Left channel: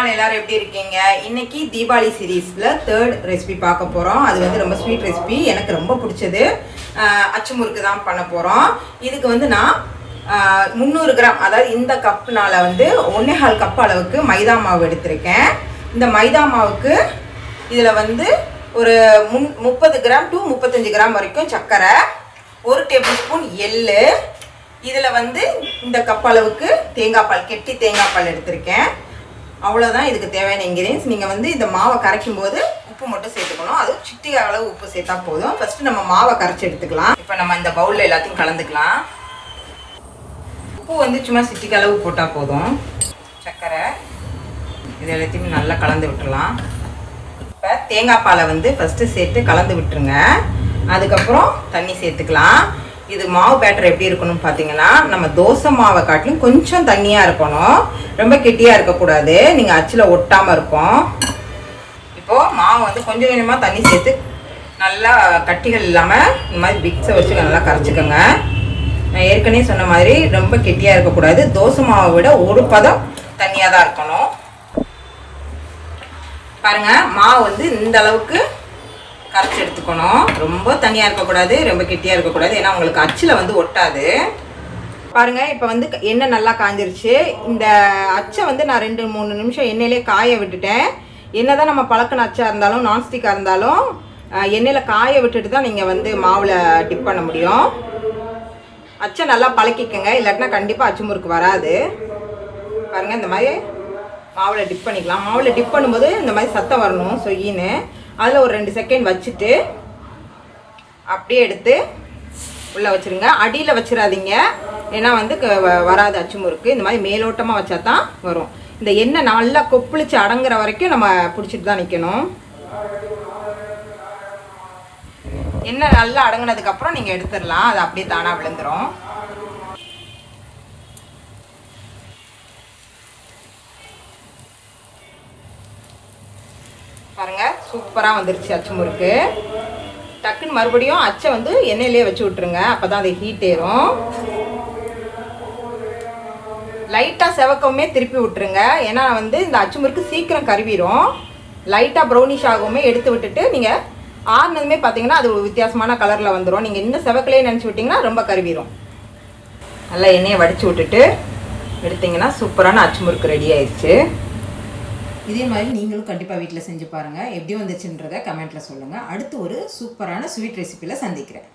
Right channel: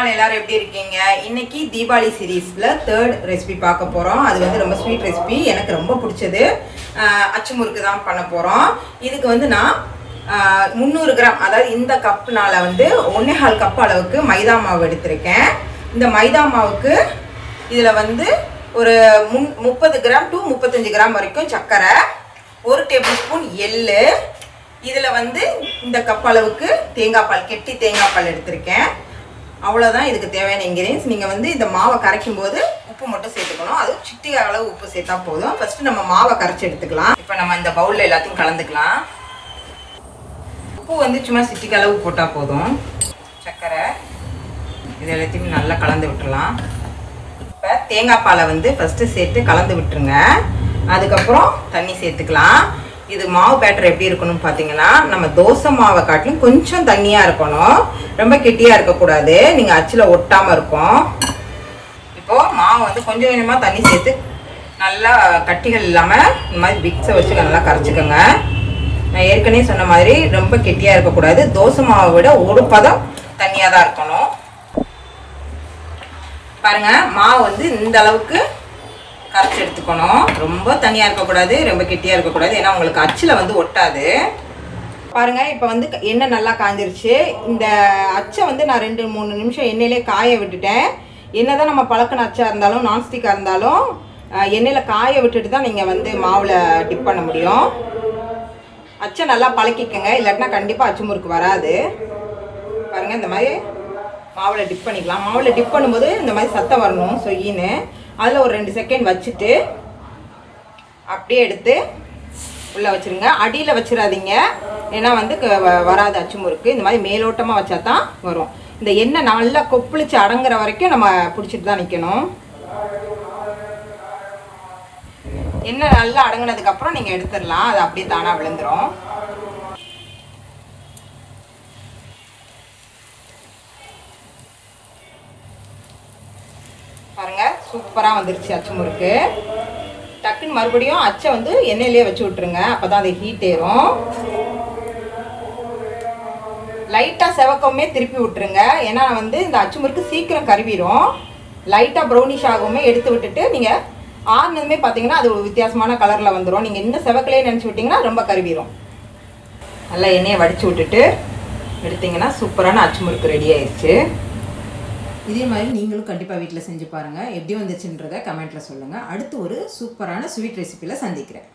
All எல்லாரும் எப்படி இருக்கீங்க? இன்னைக்கு தீபாவளி சீரீஸ்ல தேர்ட் ரெசிபி பார்க்க போறோம். அது வந்து ரொம்ப ஸ்வீட் ரெசிபி, எனக்கு ரொம்ப பிடிச்சது. அச்சு முறுக்கு தான் பண்ண போறோம். இதுக்கு வந்து நான் 300 கிராம், அதாவது இந்த கப்னால வந்து 1.25 கப் அளவுக்கு மைதா மாவு எடுத்திருக்கேன். இந்த மைதா மாவுக்கு இதில் வந்து ஒரு 30 கிராம் டு 35 கிராம் வரைக்கும் சர்க்கரை, 1 டேபிள் ஸ்பூன் எள்ளு, இதில் வந்து இந்த கப் அளவுக்கு தேங்காய் பால், கெட்டி தேங்காய் பால் எடுத்திருக்கேன். அவ்வளோதான் இதுக்கு தேவையான இன்கிரியன்ஸ். நீங்கள் வந்து இந்த மாவை கரைக்கும் போது உப்பு மட்டும் சேர்த்துக்கணும். அது சிட்டிகை அளவு உப்பு சேர்த்தா போதும். ஃபஸ்ட்டு நம்ம மாவை கரைச்சி எடுத்துக்கலாம். இப்போ நம்ம இந்த பவுலில் எல்லாத்தையும் கலந்துக்கலாம். உப்பு வந்து சும்மா சிட்டிகை அளவு போட்டால் போதும். சர்க்கரை இது எல்லாத்தையும் நல்லா கலந்து விட்டுடலாம். இப்போ தேங்காய் பாலை வந்து ஃபஸ்ட்டு சேர்த்து கலந்து விட்டுருங்க. அதுக்கப்புறம் தண்ணி சேர்த்துக்கலாம். இது மாவு பேட்டர் எப்படி இருக்கணும்னு பார்த்தீங்கன்னா, நம்ம தோசை மாவை காட்டிலும் கொஞ்சம் தண்ணியாக இருக்கணும், ரொம்ப கெட்டியாக இருக்கக்கூடாது. நீங்கள் அச்சில் ஒட்டாமல் இருக்கும். இப்போது மாவு வந்து கொஞ்சம் கொஞ்சமாக தண்ணி சேர்த்து நல்லா கட்டிகள் இல்லாமல் இந்த மாதிரி விக்ஸை வச்சு நல்லா கரைச்சிக்கோங்க. நான் ஏற்கனவே சொன்ன மாதிரி ரொம்ப கெட்டியாக இருக்கக்கூடாது. தோசை மாவை விட ஒரு பதம் தண்ணியாக தான் இருக்கணும். பாருங்கள், மாவு வந்து இந்த அளவுக்கு கரைச்சி எடுத்துக்கணும். ரொம்ப தனியாக இருக்கக்கூடாது, ரொம்ப கெட்டியாக இருக்கக்கூடாது. ஏன்னா உங்களுக்கு அச்சில் வந்து ஒட்டாது. பாருங்கள், இப்போ வந்து எண்ணெய் நல்லா காஞ்சிருச்சு. இந்த அச்சை வந்து நான் 2-3 நிமிஷம் எண்ணெயிலே காய விட்டுட்டேன். என்ன தான் நம்ம பழக்கின அச்சாக இருந்தாலும் நான்ஸ்டிக்காக இருந்தாலும் எண்ணெயில் காய விட்டுட்டு தான் நீங்கள் வந்து மாவில் டிப் பண்ண முடியும். அச்சை நல்லா பழக்கிக்கங்க, இல்லாட்டினா கண்டிப்பாக அச்சு முறுக்கு வராது. பாருங்கள், இந்த மாதிரி மாவில் டிப் பண்ணிக்கலாம். மாவில் டிப் பண்ணும்போது இந்த மாதிரி சத்தம் வரணும், சொயின்னு. அதில் ஒரு 2 செகண்ட் வச்சுட்டு அப்படியே எடுத்து உள்ளே வச்சுருங்க. அடியில் வச்சிடாதீங்க, ஏன்னா வந்து வராது அச்சு முறுக்கு. இந்த மாதிரி மேலோட்டமாக வச்சா தான் வரும். இந்த எண்ணெய் நல்லா கொப்பளிச்சு அடங்குற வரைக்கும் நம்ம பிடிச்சிட்டு தான் நிற்கணும். எண்ணெய் நல்லா அடங்கினதுக்கப்புறம் நீங்கள் எடுத்துடலாம். அது அப்படியே தானாக விழுந்துடும். பாருங்க, சூப்பராக வந்துருச்சு அச்சு முறுக்கு. டக்குன்னு மறுபடியும் அச்சை வந்து எண்ணெயிலே வச்சு விட்டுருங்க, அப்போ தான் அது ஹீட் ஏறும். லைட்டாக செவக்கமே திருப்பி விட்டுருங்க, ஏன்னா வந்து இந்த அச்சு முறுக்கு சீக்கிரம் கருவிடும். லைட்டாக ப்ரௌனிஷ் ஆகவுமே எடுத்து விட்டுட்டு நீங்கள் ஆறுனதுமே பார்த்தீங்கன்னா அது ஒரு வித்தியாசமான கலரில் வந்துடும். நீங்கள் இன்னும் செவக்கலையே நினச்சி விட்டிங்கன்னா ரொம்ப கருவிடும். நல்லா எண்ணெயை வடித்து விட்டுட்டு எடுத்திங்கன்னா சூப்பரான அச்சு முறுக்கு ரெடி ஆயிடுச்சு. இதே மாதிரி நீங்களும் கண்டிப்பாக வீட்டில் செஞ்சு பாருங்கள். எப்படி வந்துச்சுன்றதை கமெண்ட்டில் சொல்லுங்கள். அடுத்து ஒரு சூப்பரான ஸ்வீட் ரெசிப்பியில் சந்திக்கிறேன்.